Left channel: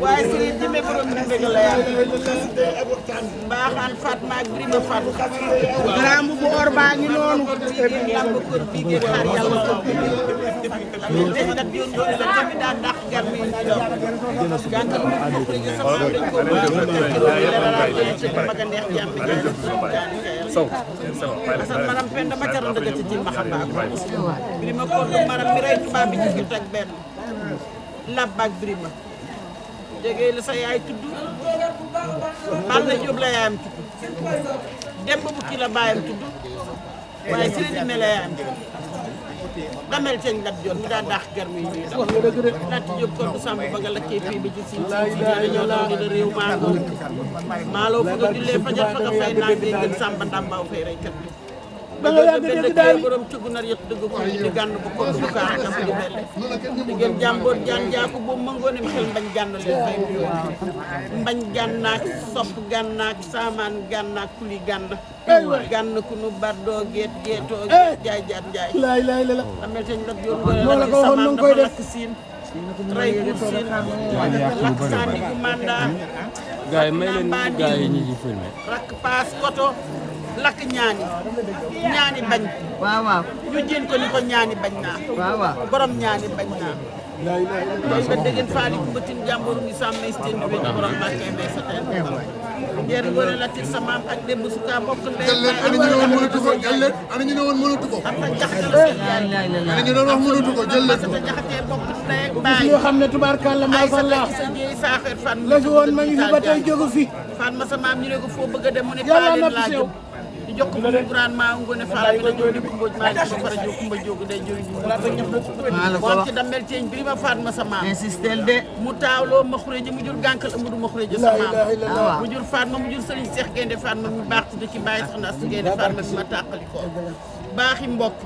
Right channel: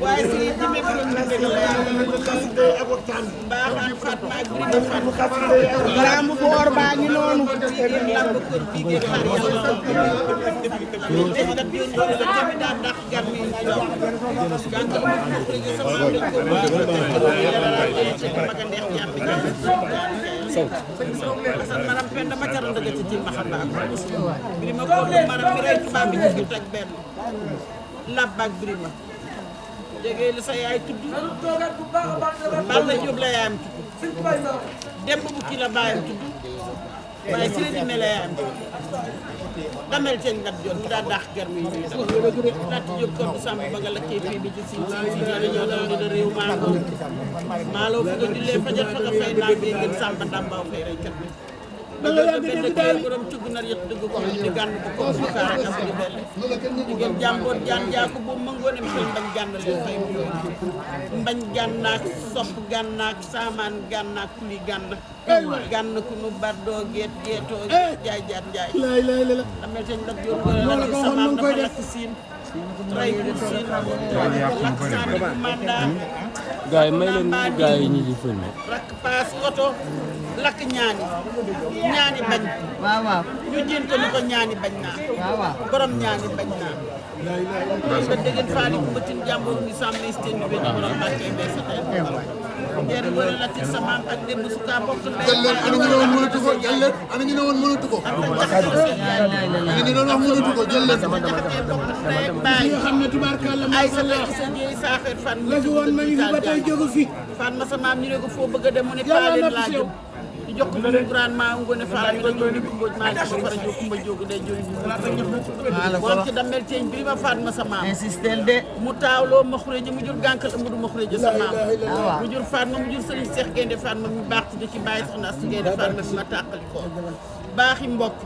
waaye si di me borom di dëgg la mbaaxaan Fatma ak Birima Fatma garamu bu or baa ngi noonu lamb ko bi ge xar yàlla ko def kat yoon do la tamit daa dàq gar mi jàngal mu ko ci sama dañ ko ba ci maga neex jàmm saw asal maram penda ma jaral dëgg ci ma xam ba Birima ko do maram mi ray tuba bi ci tak benn Lab ak Birima jege la sa yaay tudd Balla Diop la yaayam tudd Demba bu ki la baayam tudd waaye si la dimee la yaayam tudd damel seen Lat Diop bi daa daax gar mi ñuy daw Lat Diop kon du sàmb ba nga lakkee fii bi ci si ñoo daw di la réew maaloo fa nga jullee fajar fa nga fay naa bee ngeen sàmba ndàmbaaw fay reykat bi ba nga yàgg daal borom ci gunar yett dëgg ko di gànn bu ko bu kaara am di belle di ngeen jàmboot jaan jaaku bu mëngoone xel mbañ gànn leen fay mbañ gànnaak sopp gànnaak saamaan gànnaak kuli gànn ku nu bardoo geet geetoo jaay jaat njaay damel teñ la joor la ci samaam dafa lakk siin ray pour siin lakk saani bu mandat gaay may leen gaay ñi ci filmé rakk paas koto lakk ñaani bañ waaw waaw ñu jéem ko ni ko ñaani bañ naa waaw waaw borom ñaani bañ naa loolu ba dégg faali ku mbatin jàmbooru ni sàmm steen bi borom Mbàkke mbay sa tey ngeer ngoone la tir sa maam ak démb suka bokk ndey ana ñu woon mënatu ko jël leen ana ñu woon mënatu ko am na jaxate ana ñu doon wax mënatu ko jël leen sa jaxate bokk ndey ak baay yoo xam ne tubaarkàlla ay ma sa Allah sa jeey saaxeer fan la fi woon ma ngi fi ba tey jógu fi fan ma sa maam ñu ne ko foo bëgg a dem mu ne Yàlla paalin na laa fi jëm di jox ko bu grand ma ngone faala mi la jox di kumba ma di fara jox kumba jóg day jox moom ci damel teeñ Birima Fatma sa maam insistel de mu taawloo ma xureja mu jur gànkal amadou ma xureja sa maam mu jur Fatma mu jur Serigne Cheikh Gaynde Fatma mi baax ci ci bàyyi soxna Astu Gaynde Fatma bi ma tàqali ko baaxi mbokk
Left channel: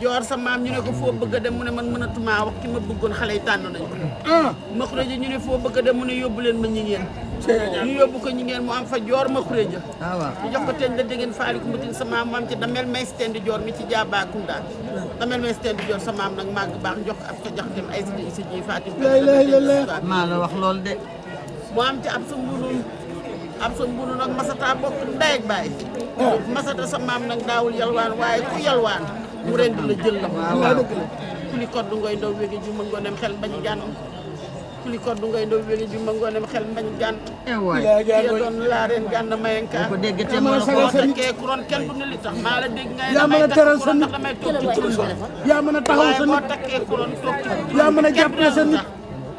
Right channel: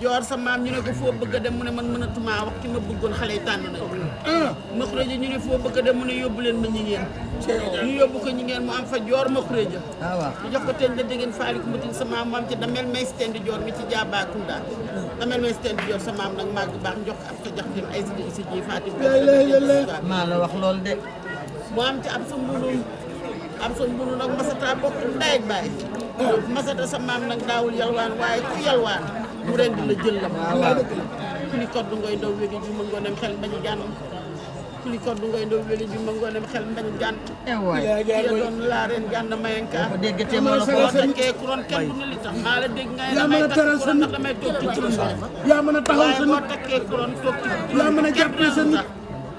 joor sa maam ñu ne ko foo bëgg a dem mu ne man mënatuma wax ki ma bëggoon xale yi tànn nañu ma xureja ñu ne foo bëgg a dem mu ne yóbbu leen ma ñi ngeen ñu yóbbu ko ñi ngeen mu am fa joor ma xureja ñu jox ko teñ la déggeen faali ku mutin sa maam mu am ci damel may stendi joor mi ci jaabakunda damel may stendi joor sa maam nag màgg baax jox ko ab sa jax dem ay si isa ji fatim maa la wax lool de mu am ci ab sa mbunu nag masata bokk ndey ak baay masata sa maam nag daawul yalwaan waaye ku yalwaan mu ren di la jël la ku li koddu ngoy ndaw wéegi ju ma ngoonem xel mbañ gànn ku li koddu ngoy ndaw wéegi ju ma ngoonem xel mbañ gànn ya doon laa reen gànn mayenka ko déggate moo la ko boo takkee kuroon kenn du ne li tax maa la dégg ngay yaa mën damay a takk teral sa kuroon nit ndax damay toog ci kuroon yaa mën a taxaw waaye sa boo nit takkee kuroon toog ci yaa mën a jàppale sa nit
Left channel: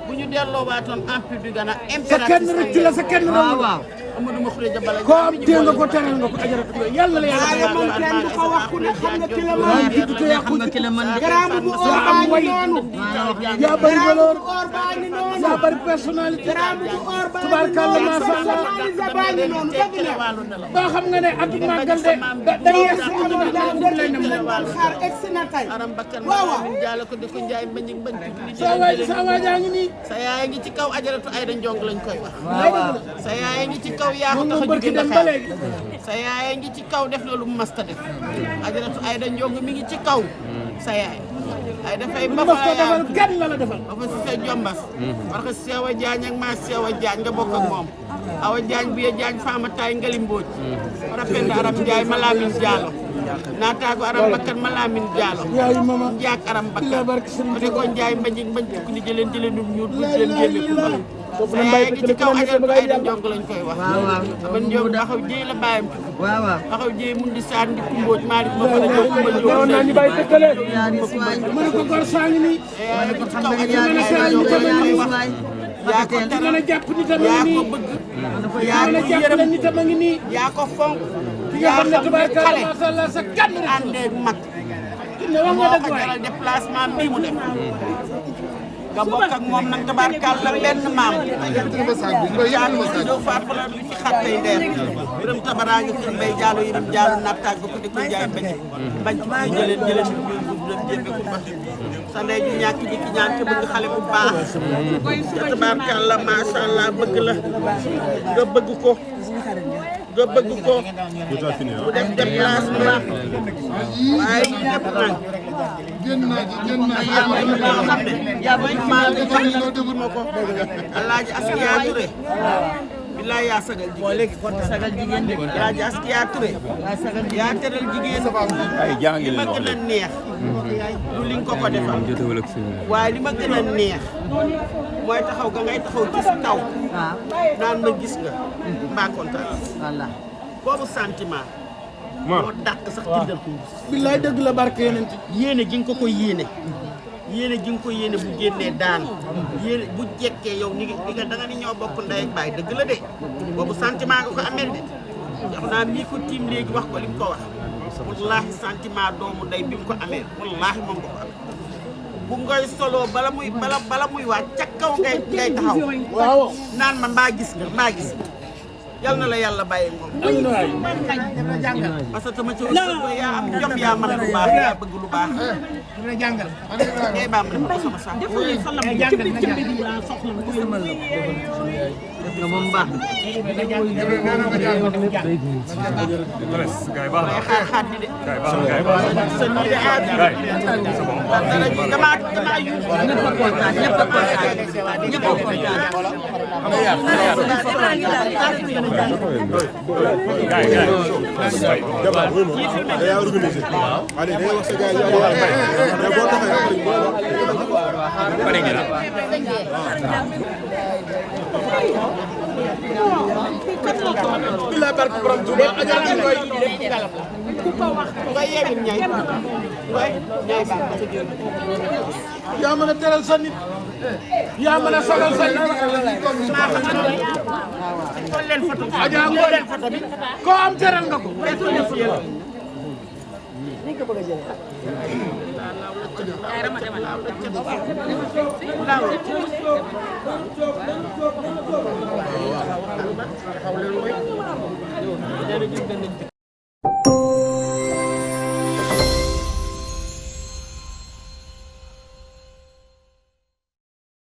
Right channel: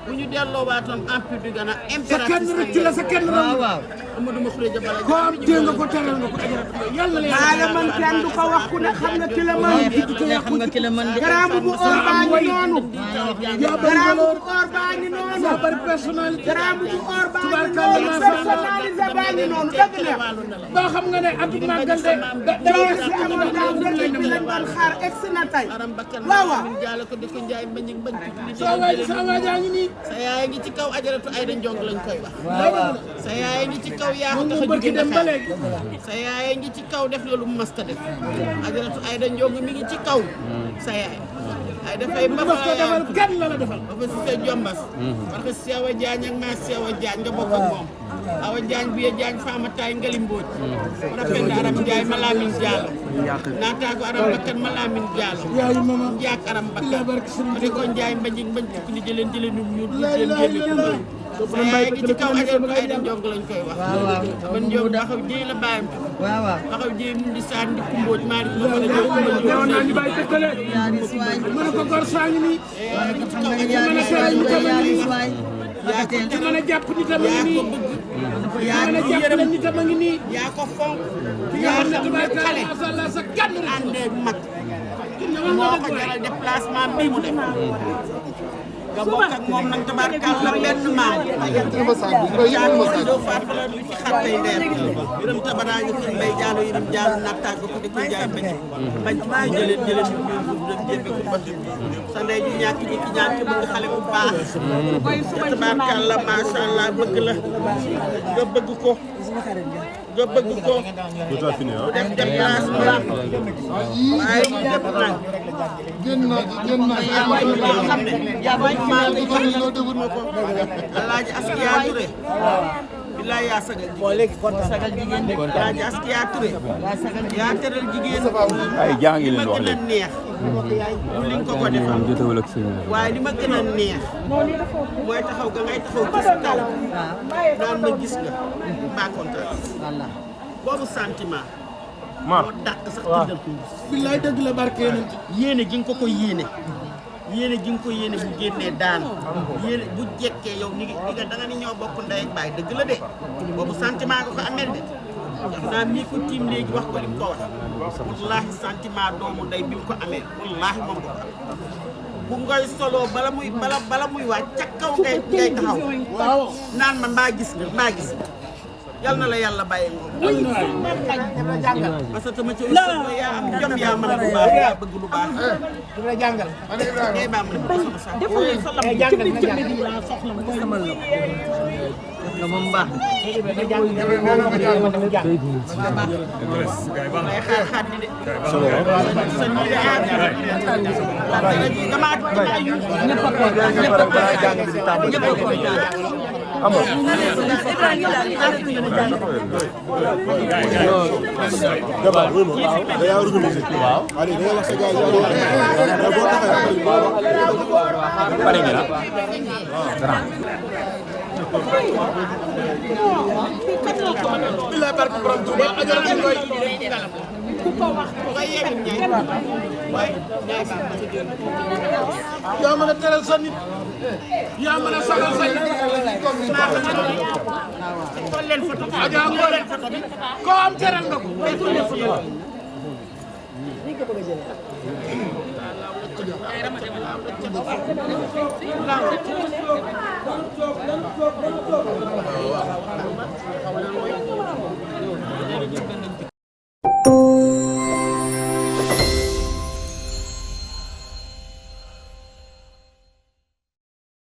bu ñu delloo waatoon empire du Ghana sa kenn rek ci la sa kenn waaw waaw Amadou ma xureja bala koo am téye nga ko teral nga ko ajaratu yàlla la yàlla man kenn du ko wax ku ne xam nga ki la waaye fi ko xam nga ki la mën de am way yaa bari valeur yaa bari personnalité tubaarkàlla maa sha Allah ba xam nga ne atu màggal de da yees ci àdduna da lay dem aram bakkan ma min jaala ko di ko njaay mbañ mbañ ci sa waay jaa ngi nii sa yaay ngi ci kaw ajaratu Ayda Njong lañ koy wax waaw sa yaay ngi ci kaw yaa ko tax a jóge Dakar sa yaay ngi ci kaw def na lu mu masta def ajaratu Ayda Njong mi ngi ci kaw sa yaay ay dafay ba fa yaay kenn la la defal ba fa si sa jombas parce que Sewa Jaañ ak maa Sewa Jaañ nga bokk ak moom Awa Jaañ bi Jaañ faama taay ngali mbooj rapenda aram Njaay ma Lamin Jaalo naataago aram bakkan ma Lamin Jaalo yaay mama njaak aram bakkan barke Sëriñ o de ko Njaay mbañ mbañ ko ni jëleen num ñuut bu jëleen jéeme ko sa yaay gi ci kaw ajal ko ay da njong lañ koy wax waaw waaw man njong daxaw jéy la bàyyam waaw waaw daxaw jéy mun di saan di kumbooj maa di ma fa la ñëw kumba newoon naa ñu bàyyi dëkkale yaaris waay mu ne ko gor saa ngi nii ma ne ko xam nga ne yaaris waay yaaris waay yaa ko mën teral a jàpp nitam a yaa ngi ko nii bëgg yaa mën a jàppale nitam a ngi nii yaa ko fonk ki nga yaa xam ne xam ne tubaarkalla xale macha allah sa gànn rek àndeeg mag ki ne wax moo nga ko dëgg waay jaral déplacement bii mu def nga bokk ak moom nag tabaarkalla benn maam jaanu si doo faat la lu ci xat tey ndeer biram tabaraa ngi seen mbay jaalo yirim jaalo nattaag ba ko di ko jaay bañ bañ ci jëleen ñu ñu dem jébbe ko ba sa ndey ju ñàkk ji ki ñaan te bëgg xale bu baax tabaarkalla macha allah bëgg la nga bëgg ko nga bëgg ko mu def déplacement waaye mu def nag génn naa yaa bëgg loo xam ne yaa bëgg maa ngi jox loo defut ma ko Alaaji Askiya Touré billaay yaa sagal jigéen léegi kon sagal jigéen de Alaaji Askiya Touré yaa sagal yaa teral jigéen li ma gën a neex du li nga ko defal jotewul ak suñu waaye li ma gën a neex mooy taxaw ga ngay taxaw ci kaw waaw naan ma gis nga mbaa kontaan walla boobu sentiment moo dàq sax tindal ko billaay dëgg la barke yeneen ci yéene gi nga ko yéene yéene gi nga ko yéene bu génnee daan yéene bu jekkee yow ni nga da nga ni ñoo bokk ndey ak baay dëgg la de boobu sentiment nga ko amel de jox naa mii ko tiim léegi wax ko li mu ko wax wallaahi sentiment doomu ndey bi mu ko amee wallaahi moom nga ko am bu ngay soloo bala muy waaj ca kaw ngay taxaw waaw naan ma mbaa gis nga yal na la yàlla bàyyi moom parce que sama ci ëllëg ba yaa am jom yaa mën lu baax yaa bëgg lu baax dina jàngal ngay baam def ko sama sax def nga moom baax may xaar di de sa ni de aar dara ji damaa yuuxu ñëpp a kontaan ñëpp a kontaan ñëpp a kontaan billaay barke borom Tuuba ajal ñu koy ku ko wax nga yeewit ñay way ñay baam ma sa génn yaa mën a teral sa nit yaa mën a sagal sa nit xool leen photo bi Adja Ngoné koo am teral nga ko